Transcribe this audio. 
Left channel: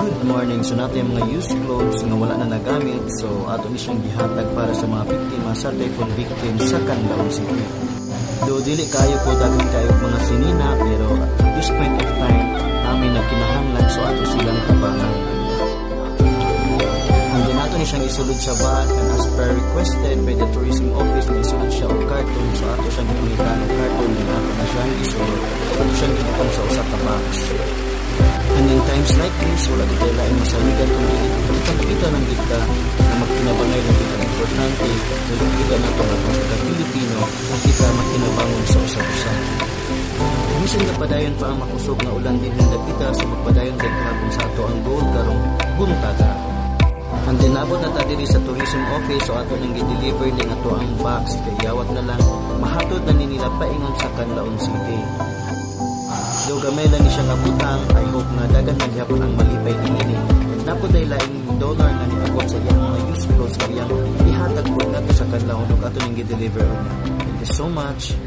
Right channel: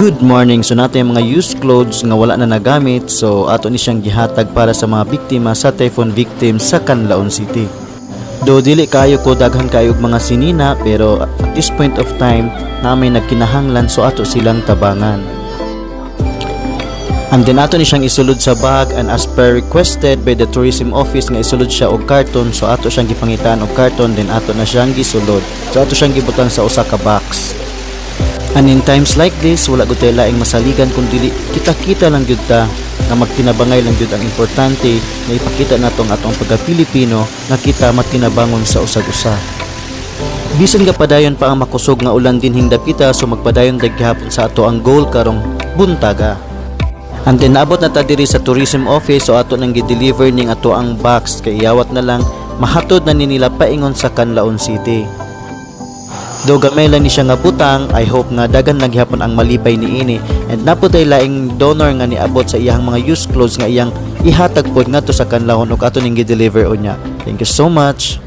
Good morning. So nato yung mga used clothes nga wala na nagamit. So ato ni siyang gihatag para sa mga biktima sa typhoon victims sa Canlaon City. Do dili kayo ko daghan kayo mga sinina, pero at this point of time namin nagkinahanglan, so ato silang tabangan. And then ato ni siyang isulod sa bag, and as per requested by the tourism office nga isulod siya og karton, so ato siyang gipangitaan og karton, then ato na siyang gisulod. So ato siyang gibutang sa usa ka box. And in times like this, wala gud tayo laing masaligan kung dili kita-kita lang gyud ta nga magtinabangay lang gyud. Ang importante na ipakita natong atong pagka-Pilipino nga kita magtinabangon sa usag-usa. Bisan nga padayon pa ang makusog nga ulan din hingdapita, so magpadayon daghapon sa ato ang goal karong buntaga. And then naabot na ta diri sa tourism office, so ato nang gi-deliver ning ato ang box, kay iyawat na lang mahatod na ni nila paingon sa Canlaon City. Do gamay lang ni siya nga butang, I hope nga dagan naghapon ang malipay niini, and naputay laing donor nga niabot sa iyang mga used clothes nga iyang ihatag pod ngadto sa Canlaon ug ato ning gi-deliver unya. Thank you so much.